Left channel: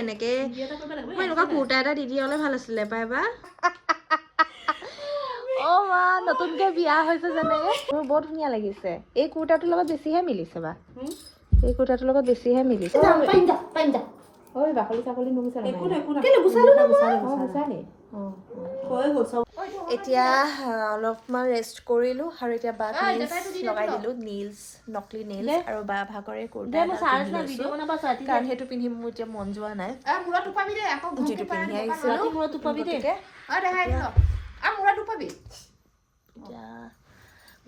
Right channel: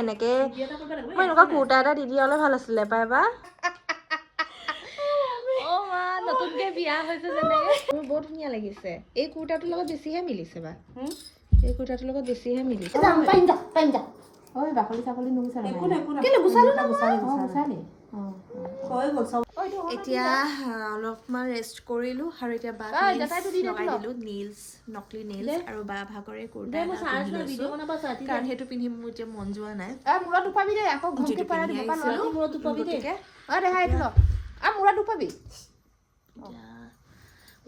এনেকুৱা কুৰ্তা এটা দি দিয়ালে ভাল আছিলে পাই বা অ মা নতুনকে বিয়া হৈছে যেনেকে মোৰ বহুত ধুনীয়া লাগিছে এই কুৰ্তাটোৰ লগত বেছিহে মিলিছে বা এই কুৰ্তাটোৰ লগত বেছিহে মিলিছে ঐ বাকলি চাকলি নুগুছা এতিয়া অলপমান ৰেষ্ট কৰিলো আৰু এতিয়া বাক লগাই দিলো নীলছ নকলি নীলছ আৰু বা ভাগৰে কুৰ্তা এটা পিন্ধি লৈছো কাৰণ সেইটো পিন্ধি মোৰ এতিয়া মন যোৱা নাই যিটো পিন্ধি আহিছিলো গতিকে এতিয়া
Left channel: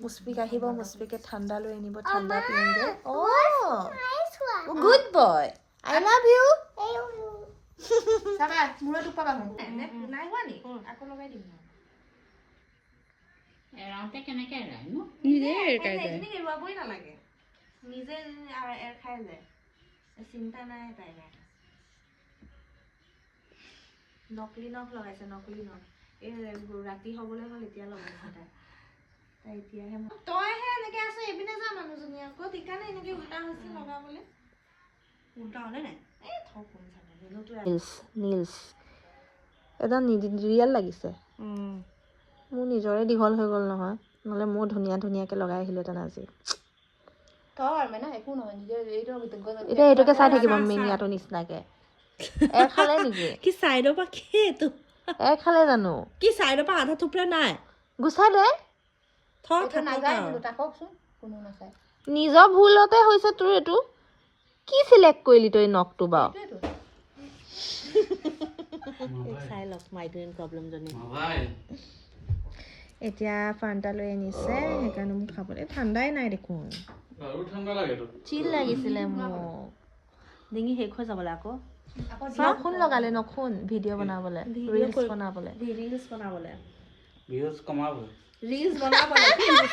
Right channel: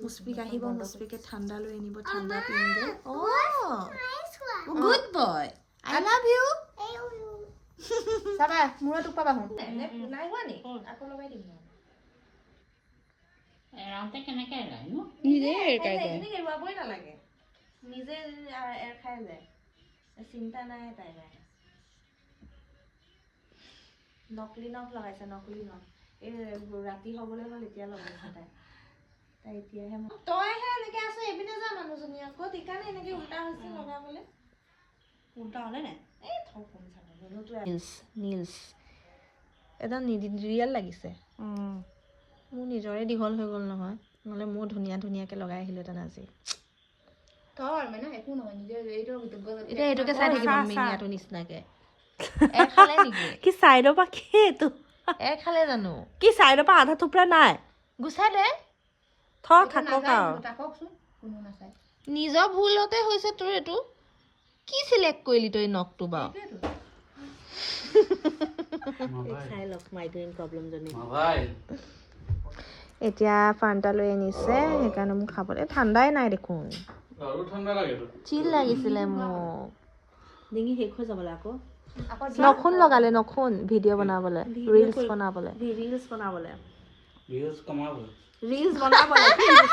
মুস্পিক আহিব মুস্পিকে ঠাণ্ডা লৈ আনিব ঠাণ্ডা পিয়ংগে good boy I love you চাবা মূৰত উপাবা হুন নাই হোৱা নি আকৌ লগাই দিম না এৰাওঁতে কেনেকে এৰাই নো নিজে এৰাই যায় এনে এৰুৱাবই নালাগে নিজে এৰ খাই যায় চিন্তা নাই তাই নকলি নখ লগাইছে নকলি নখ এই ৰাতি হ'বলৈ হ'ল এতিয়া লগাইছে তাই এতিয়াহে তইহে এনেকে আছে এপিনে যা মানুহজনী আকৌ সেইকাৰণে এনেকে উল্টা হৈছে লগাবলৈ উল্টা হ'লে নাই এই থক কোন চালে নীলছ একদম ৰিয়েল লাগিছে মোৰ নিজৰে দীঘল হৈ গ'ল নহয় নহ'লে মোৰ ধুনীয়াকৈ লগাই আহিলোহেঁতেন আজি এতিয়া এইটোকে চাই থাকিব মিনিয়াটো নিচিনাকে এৰ খালে নেকি কি চাইডৰ পৰা কি এইটো এৰ খালে জানো কি চাইডৰ পৰা আধা টুকুৰা নাই গুচাই দে নিজৰ ভুলতে হৈছে তোৰ এইটো কি চিলেক্ট কৰিলি তই নখটো বাৰু চাই লওক মাইগ্ৰেইন প্ৰব্লেম জনী এতিয়া ফান্টা লৈ আনিছে সেইকাৰণে মোক খাবলৈ ঠাণ্ডাই নাই দেখোন চিল লাগিছিলে মোক ডিঙি শেষ হৈ যাবলৈ আকৌ নখুন লগালে নখুন ভিডিঅ' বনাবলৈ ৰিলছ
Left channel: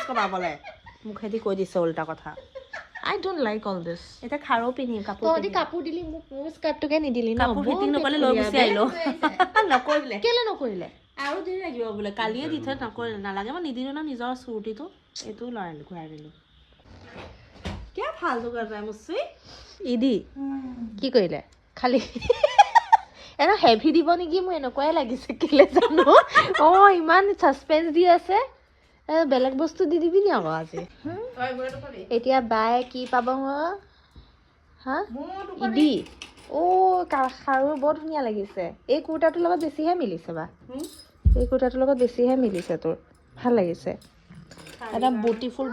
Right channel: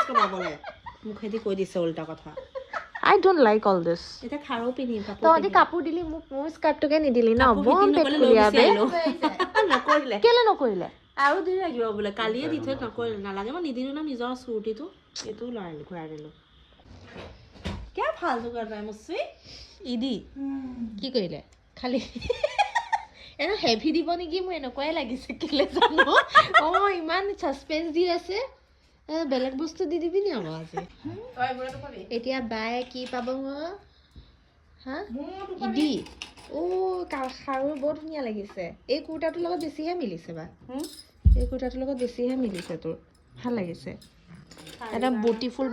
বনাবলৈ মুখেদি কৈ দিছে উল্টা কথা I don't like all this. এটা খাৰো পিনিম কাপোৰ তহঁতি কাপোৰ দিলি মোক মোৰ স্কাৰ্টটোকে নিদিলি ন নকৰিলে কেলে নকৰিলে আৰু দেৰি লাগিব বোলে কালিয়ে দি থৈ নকৰিলে নালাগে মই নিদিলো ন নিজৰ চুটিটো এইটো লৰালো ঘূৰাই দিলো কিয় ফালতু কৰা মুচি ইদি কি কৰিলে খালি এনে হেভি দিব নেকি মোৰ এনেকুৱাই লাগিছে কেলে জানো অ ইমান সাসপেন্স দি আছে বেলেগ বস্তু দি দিবি নি আকৌ আজি এতিয়া বাই কি পাব হা ইদি অ খাৰু বৰ ধুনীয়া লাগিছে এই কুৰ্তাটোৰ লগত বেছিহে মিলিছে বা এই কুৰ্তাটোৰ লগত বেছিহে মিলিছে তোৰ ভাল লাগিছে একদম বুটিফুল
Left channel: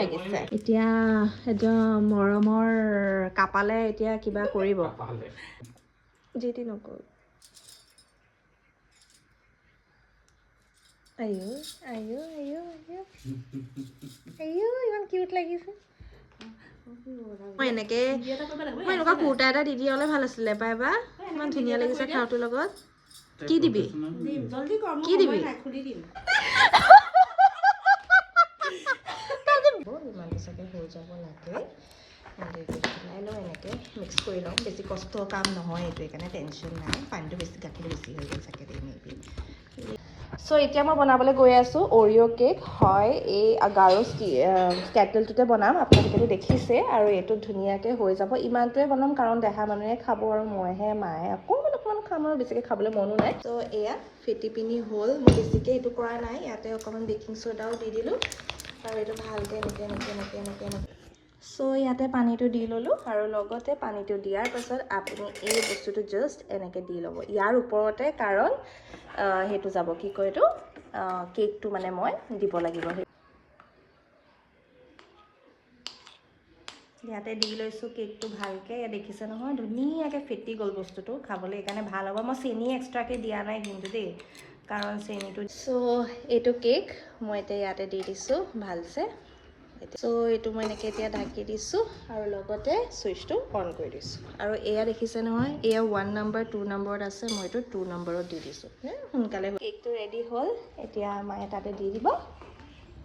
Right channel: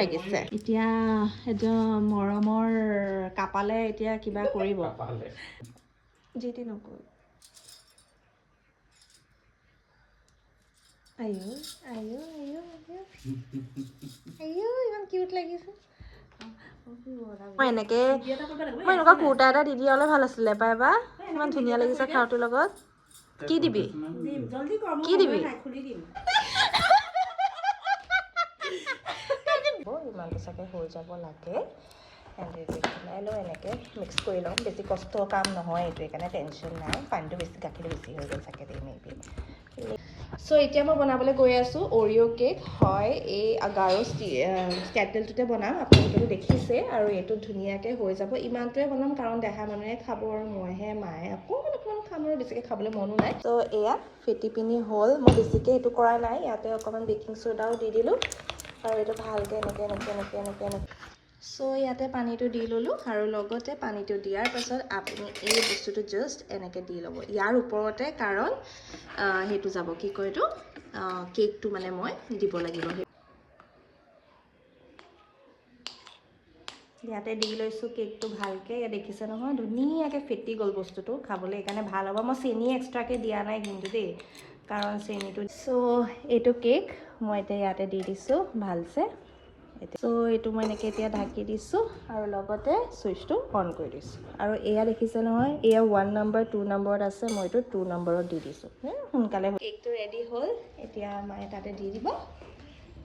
লাগিছে এতিয়া একদম মৰমৰ কাপালে এতিয়া কিবা কৰিব যেটি নকৰো আয়ো ইমান কিউট লাগিছে মই এনেকুৱা কুৰ্তা এটা দি দিয়ালে ভাল আছিলে পাই বা ইমান ধুনীয়া লাগিছে খাৰুটোৰ লগত কি দিবি ইমানটো চাগে হৈ যাব লাগে এনেকৈ মিক্স কৰি লওঁ বেছি কষ্ট কাম নহয় এইটো সেইকাৰণে টেনশ্যন নাই পানীটো বেছি গাখীৰটো বেছি হৈ গ'ল চাগে দেই মেবি চ' এতিয়া মই বনাবলৈ গৈ আছোঁ অৰিঅ' কেক হয় এই গাৰো ষ্টেটলটোতে বনাম আপোনালোকে দেখিছে আৰু এইটো ধুনীয়াকৈ হৈ যাব ইমানটোৱে বনাম কাৰণ দেহা মানুহে খাব আৰু মইহে মায়ে অকণমান খাম আৰু বেছিকৈ খাবলৈ মনো নাই ত' এয়া ফেটি পিনি হ'ল মই বেছিকৈ এইটো কৰা নাই ইয়াতে অকণমান বেকিং চ'ডাও দি দিলোঁ আৰু এইটো ভালকৈ এনেকৈ চ' ইয়াতে পানীটো দি ল'লোঁ আৰু লগতে পানীটো দিয়াৰ পাছত আপুনি এই বস্তুটো জাষ্ট এনেকৈ দি ল'ব ইয়াৰ ওপৰতে কাৰণ সেইটো যাব কি কয় এইটো কেকটো মানে মই দিব লাগিব ইয়াতে দি লৈছোঁ কেকটো ভালকৈ ইয়াত দেখিছে নহয় ধুনীয়াকৈ ফেটি গ'ল বস্তুটো খাবলৈ সেইকাৰণে ভাল হ'ব মই চেনি এক্সট্ৰাকৈ দিয়া নাই কিন্তু দেই কাৰণ চেনিটো চ' এইটো কেক মই এতিয়া ইয়াতে দি দিছোঁ ভালছে চ' এইটো মই এনেকৈ এতিয়া ঢাকি দিছোঁ আৰু লগতে চুইচটো অন কৰি দিছোঁ আৰু এয়া দেখিছে নহয় এয়া 1 নম্বৰ 2 নম্বৰত আছে মই এইটো 2 নম্বৰত দি দিছোঁ সোনকালে কেকটো ৰেডি হ'ল এতিয়া মায়ে তাতে দি দিব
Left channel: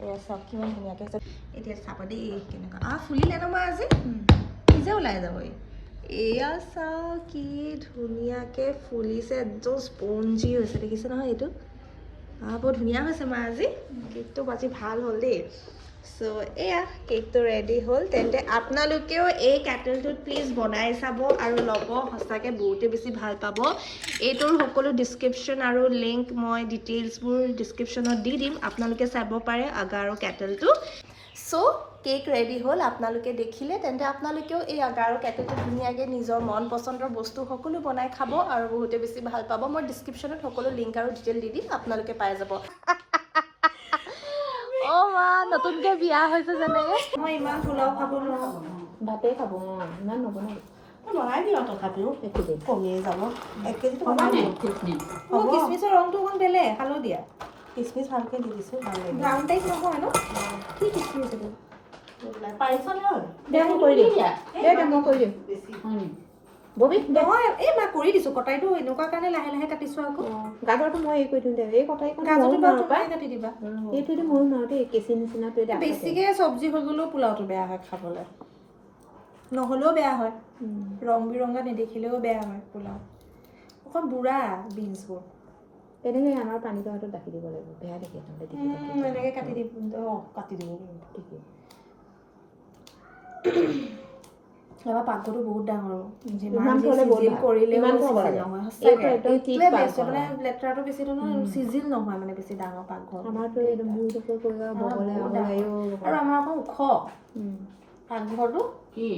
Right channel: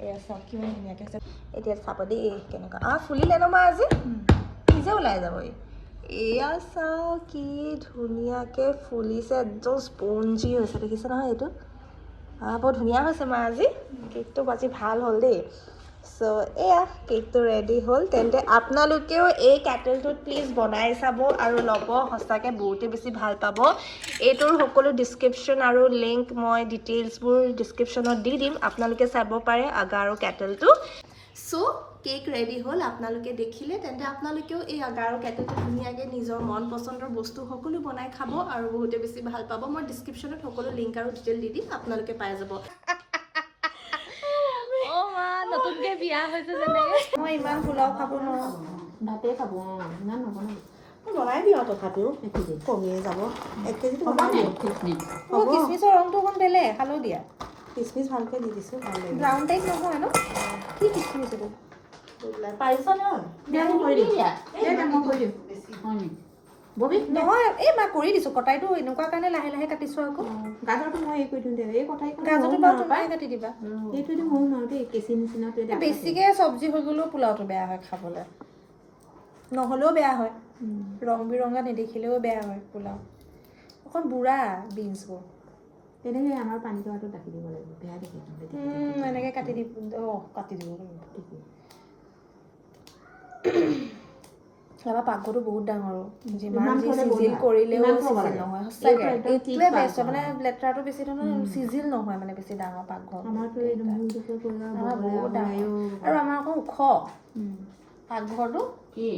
এয়া চব কিমান ধুনীয়াকৈ আছে এতিয়া চাব দেই কেনেকুৱা ফুলিলে ন মা আজি নিজে ওলাই যাব এয়া চাওক কি ধুনীয়াকৈ ফুলিছে একদম স্পঞ্জি হৈছে দেখিছে নহয় এইটো বৰ ধুনীয়া হৈছে মা আজি কেকটো আজি ভাল হ'ল দেই সো এয়া কেকটো ৰেডি হ'ল তেন্তে আপোনালোকেও এই কেটেলটোত প্লিজ বনাই চাব আৰু ল'ব সঁচাকৈ বহুতে বেছি ভাল পাব এইটোৰ সকলো ডিছক্ৰিপশ্যন আৰু লিংক মই ডিটেইলছবোৰ ডিছক্ৰিপশ্যনত দি দিম আপোনালোকে চাব পাৰে আগাৰো কেটেলটো সো কেক ৰেডি হ'ল আপোনালোকে দেখিলে তেন্তে আপোনালোকেও এই আগাৰো কেটেলটো ধুনীয়াকৈ নিজৰ মন পচন্দৰ বস্তু সকলো বনাই খাব আৰু বহুতে বেছি ভাল পাব মই ডিছক্ৰিপশ্যনত সকলো লিংক আৰু ডিটেইল দি দিম আপোনালোকে পাই যাব নতুনকে বিয়া হৈছে যেনেকে মই ইমান পোলাও খাব নোৱাৰো ভাতে খাব ইমান নবনাই বনাই দিওঁ তথাপিও একোটি কমিয়ে যাব 1 কেজি কিচমিচৰ ৰংটো অকণ বেলেগ হালধীয়া কিচমিচ ভালকৈ দি দিছোঁ ভাল লাগে ব্ৰাউন টাইপ নহয় ন কি কিচমিচ এইটো পাৰিছা নহয় মই কৰি দিম ববি নহয় এই মই কৰি দিছোঁ কটাইটো এনেকুৱা কাৰণে লাহে লাহে কাটিছোঁ আকৌ গাজৰটো মই এই কৰি দিওঁ দে এই কটাই গাজৰটো বাৰু তুমি কাটি দিবা এইটো দি মই নোৱাৰোঁ দেই কেঁচি নিচিনাটো এতিয়া বেছিকৈ চব্জি হৈ গ'লেও পোলাওটো বেয়া হয় খাবলৈ নহ'লেও বেয়া হয় ৰং বিৰঙা নেদেখিলেও বেয়া হয় পোলাও অকণ বুঢ়া বিনছবোৰ তেনেকৈ আমাৰ পানী টকাটো ৰাখি দিব লাগিব বেয়া দেখি এনেকৈ কাটি দিব কাটি দিব লাগিব ঠিকেই আমাৰ পাকঘৰটো বহুত ডাঙৰ যিমান যি চিজিল কৰিলেও চিজিল নহয় সঁচাকৈ এইটোৱে বেষ্ট মানে লেতেৰাটো বেছি নহয় চিজিল নহয় মানে বেছি ডাঙৰ পাকঘৰ আমাৰতো বহুত ডাঙৰ আৰু আমাৰ অকণ ওখ পাকঘৰটো কি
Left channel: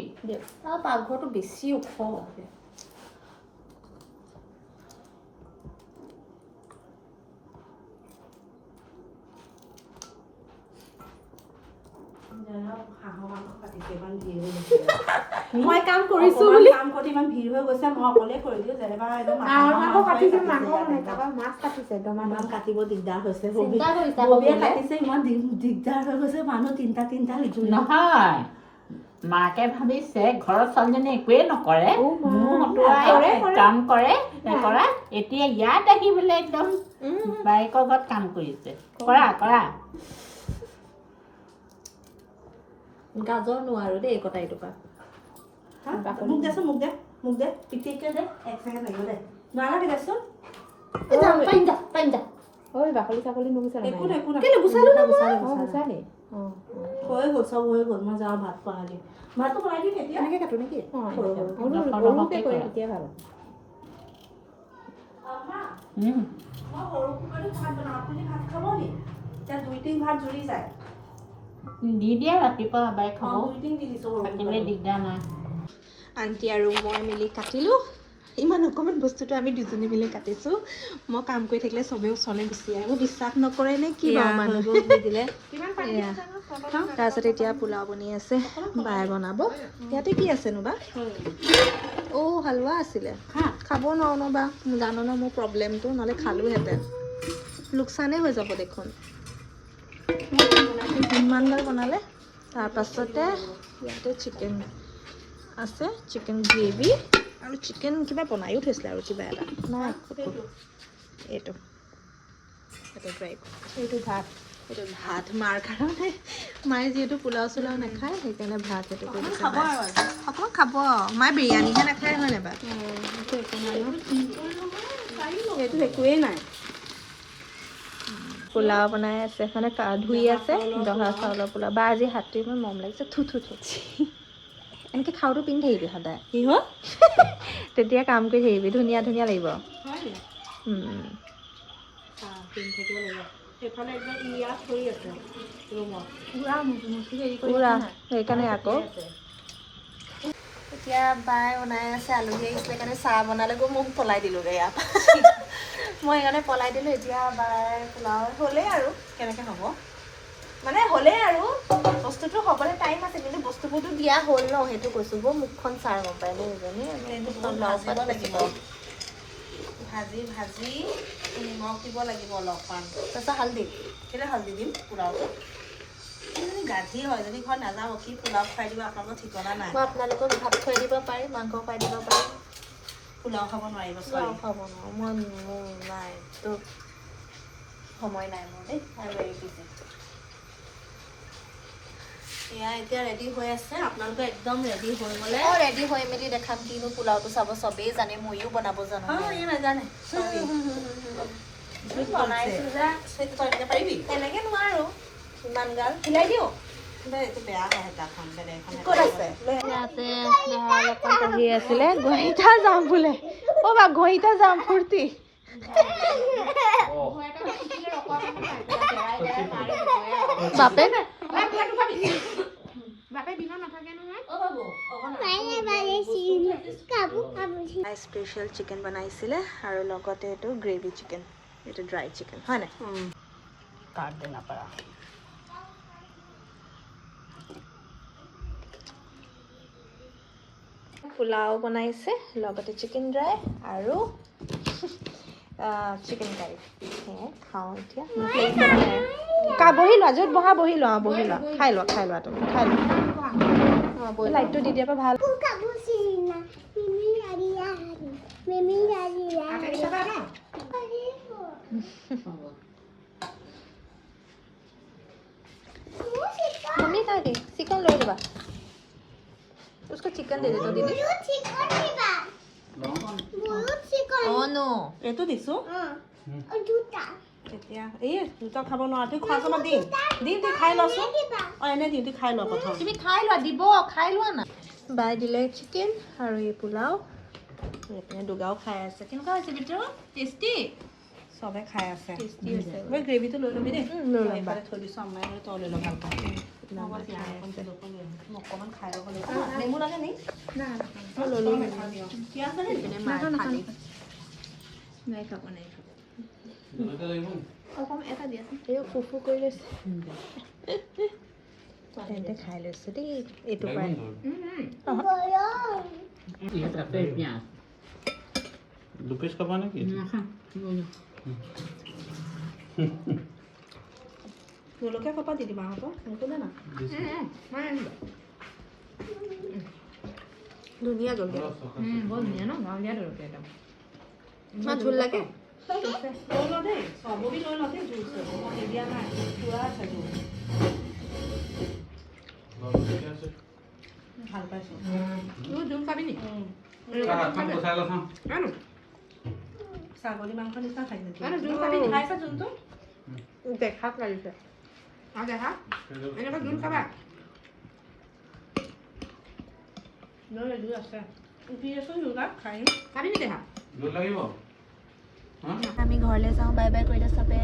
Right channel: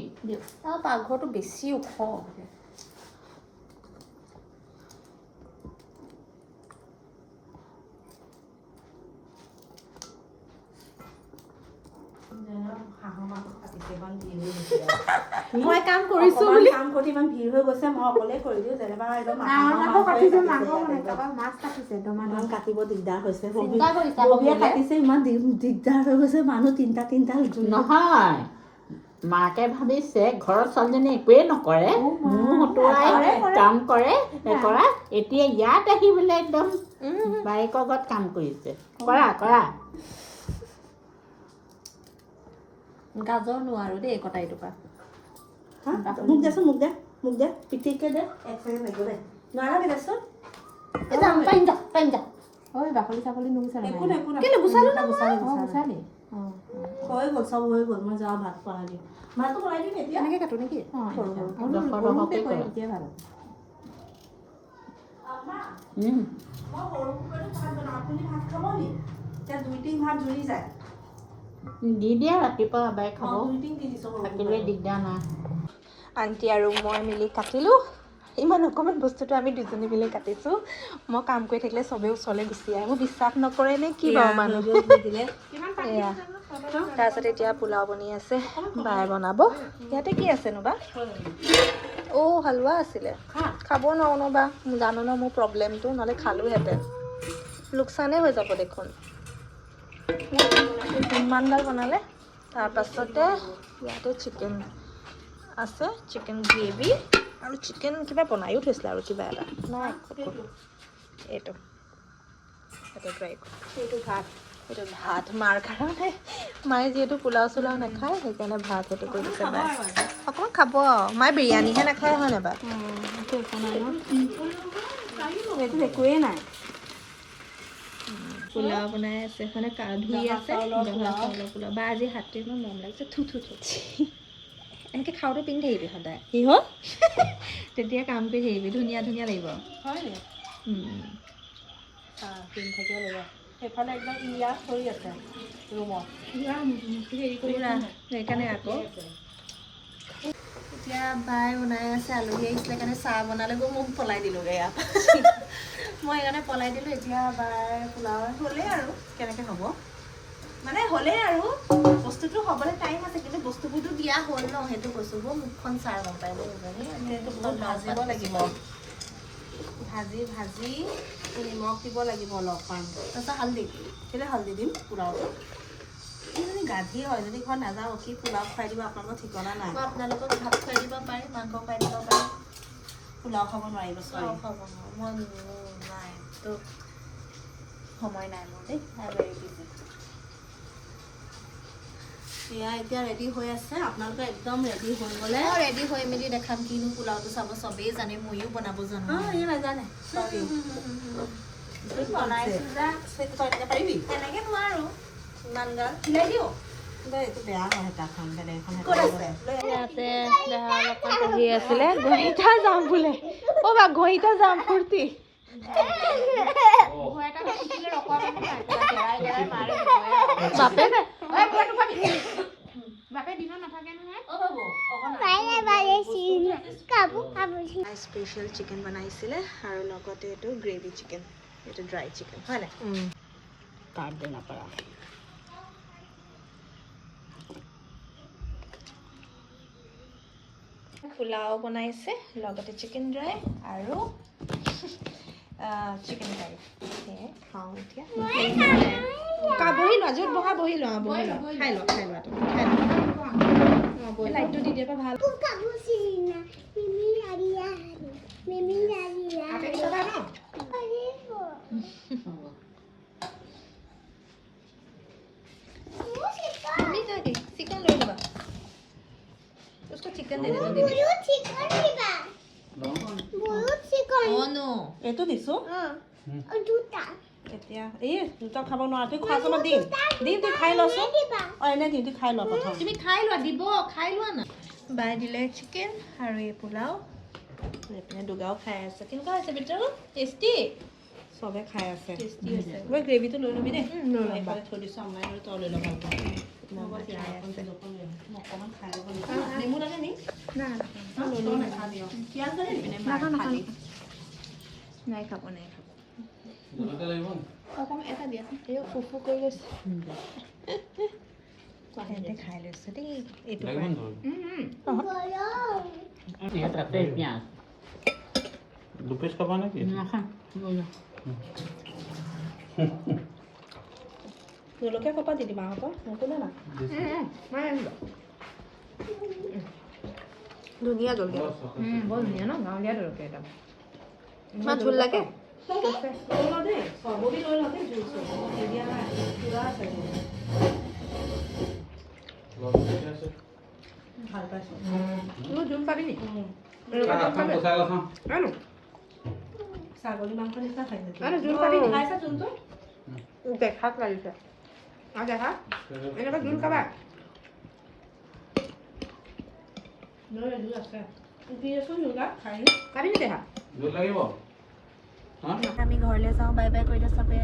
আমাৰ পাকঘৰটো বেছি ওখ মই কাম কৰিছো বুলি কাম কৰি ইমান ভিৰ হৈ গৈছে মই অকলে কৰি দিওঁ যেনিবা মাছ কাটিছে কাটিব দিগদাৰ হৈছে চিন্তা কৰিছা কাটিছে ইমান দিগদাৰ হৈ গৈছে মানুহ তিনিটা নহয় মাকে ভাবিছে ঘৰত ছোৱালীজনী একোৱেই নকৰে কাম কৰে কৰা এতিয়া ইয়াত আহি বোলে একদম বায়েকৰ ঘৰত কাম কৰিছে কৰা গাজৰ নোৱাৰো দেই কটাইটো পৰা মোক দে পিটিকে দে 1 ছেকেণ্ড লাগিব দে নালাগে দেচোন পাৰিম যা ঐ বাকলি চাকলি নুগুচালে একো কেলে গুচালো না গুচালে হৈ গ'ল চব হৈ গ'ল মই যাওঁ ভাত খোৱালি ভাতটো বনাই দিম এতিয়া এনেকৈ কাটো নেকি সৰু সৰুকৈ কৰে তেতিয়াই ভাল আপুনি ভাত খাব নি এতিয়া 2-3 ভাত জুৰি যায় দি দিয়া ৰাতিপুৱা বাই খাব 2-3 দি দিছোঁ থাকিলে দিগদাৰ নাই আণ্টি আৰু মই মিলি কাটিলোঁ ইমান অকণমান বস্তুটো আমি দুজনী মিলি কাটিছোঁ মই কাম কৰি থাকিলে চবেই ওচৰলৈ গুচি আহে মোক বিশ্বাস নকৰে নে কি বাৰু মানুহ এয়া তাৰপিছত এতিয়া পোলাও বনি আছে বাই বনাব ইয়াতে কি আছেনো বা হালোৱা আছিলে খাব নোৱাৰো ন বা জানো ন মোৰ প্ৰব্লেমটো নহ'লে খালোহেঁতেন লোকচানেই হৈ যাব দেখোন ইমানডাল বনালে তাৰপাছতে ইয়াতে চিকেন আছে চিকেন গ্ৰেভি আৰু চিকেন কিবা বনায়ো থৈছিলে আৰু কিবা এটা নাই এইটো ভাত মাৰ কাৰণে মায়ে যিহেতু পোলাও চোলাও নাখায় সেইকাৰণে ভাত সেইটো কৰি দিছে অকণমান খাব মায়ে বিৰিয়ানীহে নাখায় হয় নাই বাৰু এইটো একোৱেই নাই পোলাও বনাই আছে মানে ধুই আছে জহা চাউলৰ পোলাও বা আজি হাতটো ইমান মৰম লাগিছে থু এনেকৈ খাওঁটো পিন্ধি থাকিবি সদায় কি হ'ল তেতিয়া কাম কৰি থাকিবি ধুনীয়া লাগিব পিন্ধি থাকিব লাগিব সেইফালে একদম ইয়াত হৈ আছে ৰুমত পুৰা সেইকাৰণে আকৌ এতিয়া বাই বনাই আছে আলহী আহিছিলে কাৰণে চাহ বনালে গৈ মোক পলাই দিলোঁগৈ ইয়াত মই সেইকাৰণে পলাই দিলোঁ এতিয়া বাৰ পোলাও হ'লেই আৰু কেনেকৈ হ'ব মানে হ'লেই আৰু বস্তুটো হ'বলৈ টাইম আছে কিন্তু বস্তুবোৰতো দিয়া হ'ল ন সেইটো কৈছোঁ গৈ মুখখন চাই গম পাই দেই এজনী ভাজি নিমখ দিব লাগিব অলপমান তাৰপিছত হালধি কেলৈ হালধি দিম পোলাওটো এইজনী গাধি হয় যদি ঘৰত নাযাওঁ কি পোলাও খুৱাই দিব আপোনালোকৰ ঠিকনা নাই মই আপোনালোকক ভাত খুৱাই দিব পাৰিম মাংস খুৱাই দিব পাৰিম পোলাও খাব নোৱাৰিব পোলাও খাব নোৱাৰোঁ মই নাই তো সময় নাই মোৰ দেই আৰু এয়া এতিয়া ৰেডি হৈ আছে আপোনালোকে একদম ৰেডি হৈ গ'লে ৰেডি হৈ মেলি দেখাম কিনো পোলাওটো চাব চবেই জানে ময়ো বনাব জানো নাজানে বনাইছোঁ যে পাৰিবি তেনেকৈ নোৱাৰোঁ ইমান গাল চিলাই দিওঁ এইটো বেয়া হয় তাখন বেলেগ এখন ক'ত আছে ইয়াতে দেহাৰ অকণ পঢ়ি আছিলে গহিতা যাম বোলে অ' বা গহিতা যাম ফূৰ্তি স্পেচিয়েল চিকেন বনাইছিলে আৰু লগতে এইটো গ্ৰেভি চিকেন এইটো ড্ৰাই চিকেন হয় নাই পোলাও বনাইছে লগতে চিকেন ড্ৰাই আৰু চিকেন কাৰী সেয়াই খাওঁ এতিয়া বহি লোৱা য'ত বহা বহি লোৱা খাই লোৱা তুমি খাই লোৱা লাইটটো দি দিয়াৰ পৰা ভাল मम्मी खा गई चिकन ले लेबा उसको चिकन दे दे तो दीदी ओ नो एतो दिसो दुटा এতিয়া এই দুটা খাব নোৱাৰা তুই খোৱা সময় দিম তুই খাই লছ এনে দিম তুই খাই ল প্ৰথম তুমি খাই লোৱা দিব খাই লোৱা না বাই দিলে চিকেন আৰু এই পোলাও এইপিনে দুগাও খাই আছে কেনেকুৱা হৈছে ভিতৰত টেষ্টি সবে খাই আছে টেষ্টি হৈছে মই গ্ৰেভিটো লৈ ল'বি দেই লৈ ল'ম বাৰে থৈ দিছোঁ আমাৰ আৰু তই লৈ ল'বা অকণমান খাই ল'ব লাগিব নেমু লাগে নি না লৈ ল'ম পিঁয়াজ লাগে নেকি নাই খাব অকণ এটা দিয়া এই ফুফু কৰি লৈছে তেন্তে খাই লৈছে দেই এইটো দুপিস খাবা নাকি জলকীয়া কপা দি দিম আকৌ নক'লে না ধুনীয়া জলকীয়া বৰ ধুনীয়া ন গাঁৱলীয়া জলকীয়া একদম ইমান ঝোল লাগে ভাল পাইছোঁ জোল পাবি নি ছাগলী মাংস নিচিনা খাইছে জোল পাবি নি খাইছা জোলটো দেখাত লাগিছে দেখা এনেকুৱা জোল খাবা জোল আছে খাবি নি দেখা আমি ঘৰলৈ যাওঁ বাই বাই কৈ দে চবে